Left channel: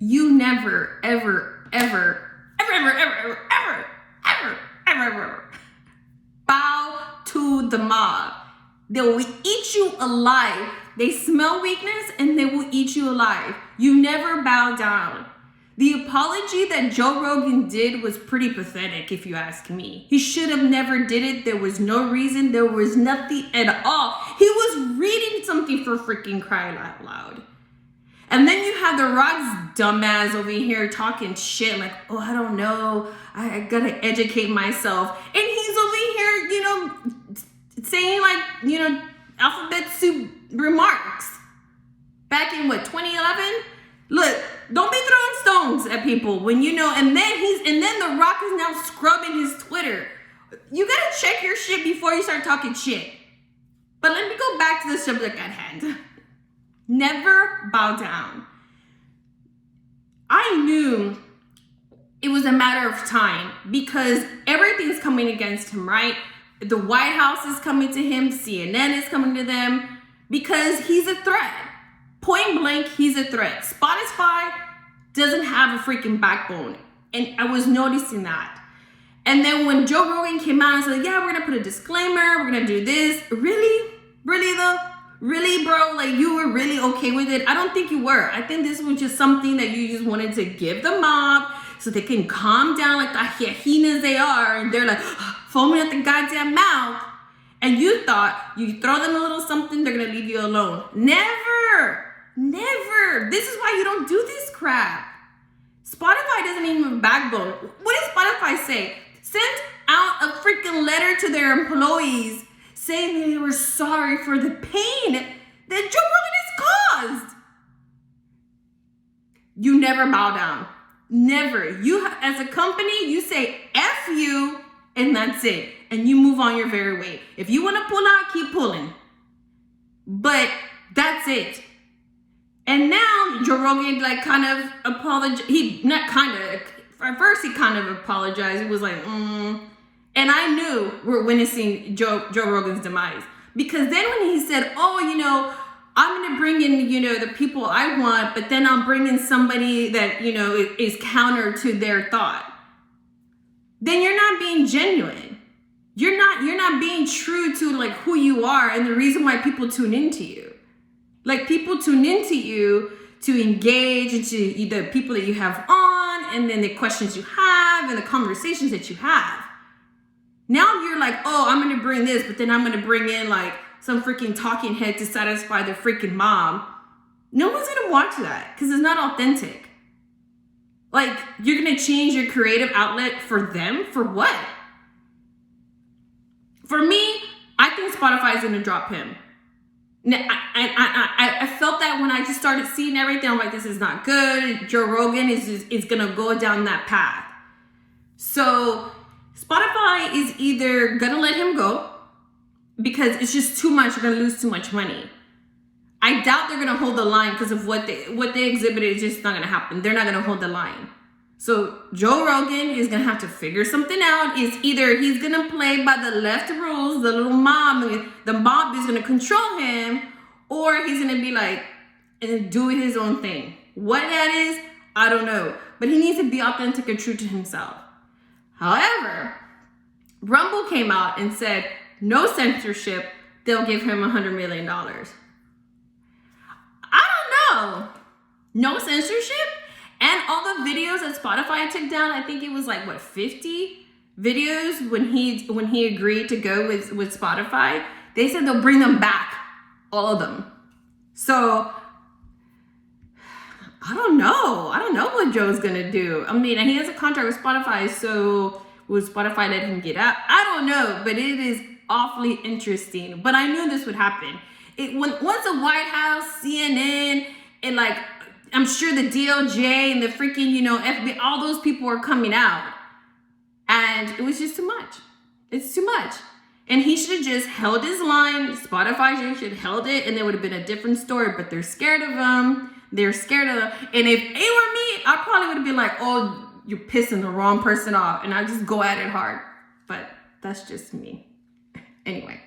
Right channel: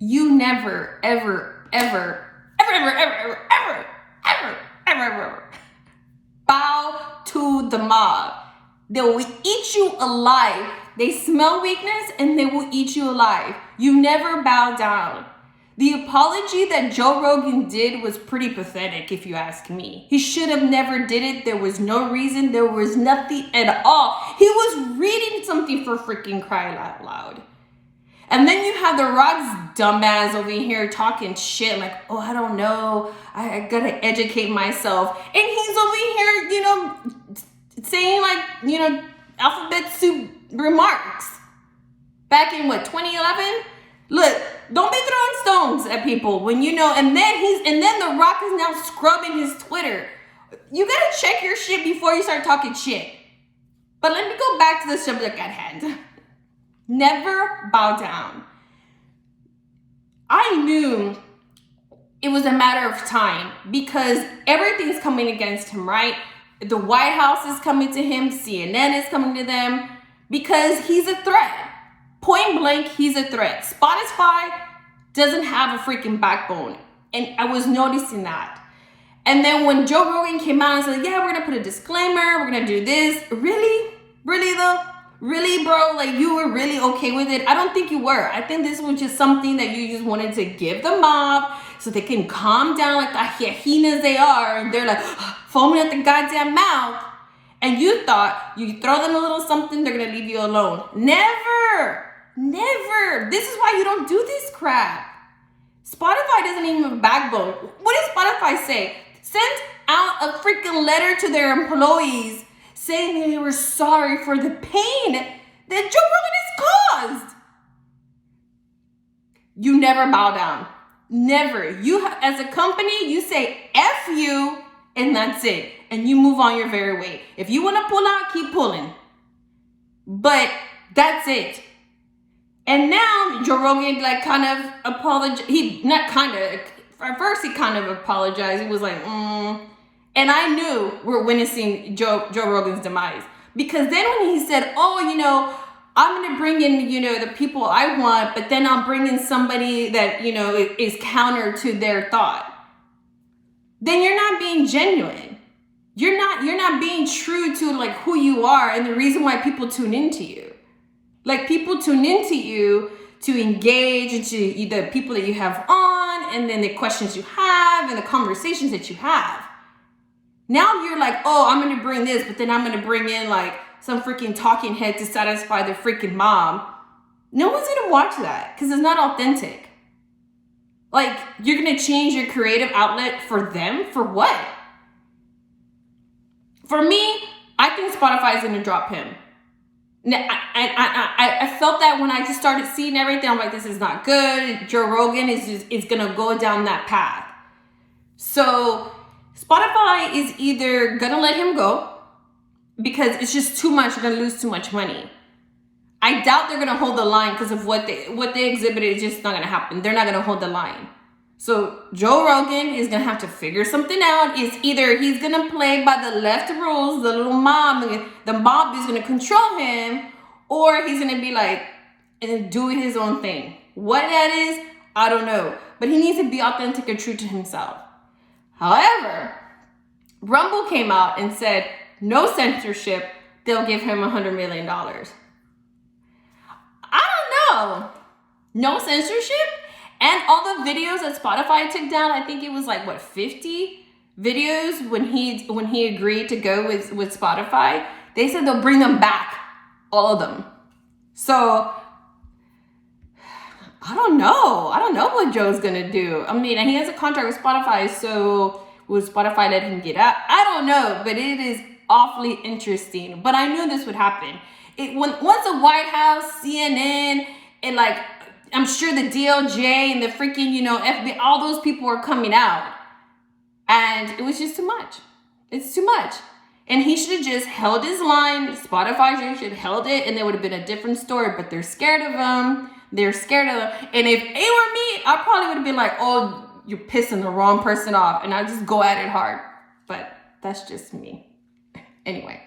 you never, ever, ever, ever, ever, ever, ever, ever, ever, ever bow to the mob. They will eat you alive. They smell weakness and they will eat you alive. You never bow down. The apology that Joe Rogan did was pretty pathetic, if you ask me. He should have never did it. There was no reason. There was nothing at all. He was reading something for freaking crying out loud. And then you have The Rock's dumbass over here talking shit like, oh, I don't know. I gotta educate myself. And he's over here, saying like, alphabet soup remarks. Back in 2011? Look, don't be throwing stones at people when and then The Rock is now scrubbing his Twitter. You gotta check your shit before you start talking shit. But let me go back to the subject at hand. Never bow down. I knew it was a matter of time because everything's coming against him, right? The White House is coming to him, CNN is coming to them because he's a threat. Point blank, he's a threat. Spotify doesn't have a freaking backbone. And I was noticing that. And then when Joe Rogan came out and said, yeah, we're going to put a disclaimer. We're going to do this. Really? Really though? Really, bro? Like you were really okay with it? I don't think you were. I think this was just something that you just wanted to give the mob so they can calm down like the hyenas they are. And they're like foaming at the goddamn mouth. And you thought you throw them a little something, they're going to leave you alone. Never. Never. This is why you don't do this crap. Spotify doesn't even have a backbone. What does Spotify say? Send out a freaking letter to their employees saying they were sorry for the pain that Joe Rogan has caused. You never bow down. Never. You, as a company, you say F you and that's it. And you move on your very way. If you want to pull out, keep pulling. But that's it. And now Joe Rogan kind of apologized. At first he kind of apologized. He was like, And I knew we're witnessing Joe Rogan's demise. Because then when he said, I'm going to bring in, the people I want, but then I'll bring in somebody that, is counter to their thought. Then you're not being genuine. You're not being true to who you are and the reason why people tune into you. People tune into you to engage into the people that you have on and then the questions you have and the conversations that you have. Now you're like, oh, I'm going to bring this, but then I'm going to bring in some freaking talking head to satisfy the freaking mob. No one's going to watch that because it's not authentic. You're going to change your creative outlet for them? For what? For me, I think Spotify is going to drop him. I felt that when I just started seeing everything. I'm like, this is not good. Joe Rogan is going to go down that path. So Spotify is either going to let him go because it's just too much. You're going to lose too much money. I doubt they're going to hold the line because of what they exhibited is just not going to happen. They're not going to hold the line. So Joe Rogan is going to have to figure something out. It's either he's going to play by the left rules, the little mob, the mob is going to control him, or he's going to be and do his own thing. What that is, I don't know. But he needs to be authentic and true to himself. However, Rumble came out and said, no censorship, they'll give him $100 million. I don't know. No censorship? And all the videos that Spotify took down, I think it was 50 videos when he agreed to go with Spotify. They said they'll bring them back, all of them. So I don't know. I don't know what Joe's gonna do. I mean, and he has a contract with Spotify, so will Spotify let him get out? I don't know, but it is awfully interesting. But I knew this would happen. Once the White House, CNN, and I'm sure the DOJ and the freaking, FBI, all those people were coming out. And it was just too much. It's too much. And he should have just held his line. Spotify should have held it and it would have been a different story. But they're scared of him. They're scared of him. And if it were me, I probably would have been like, oh, you're pissing the wrong person off. And I just go at it hard. But that's just me. Anyway.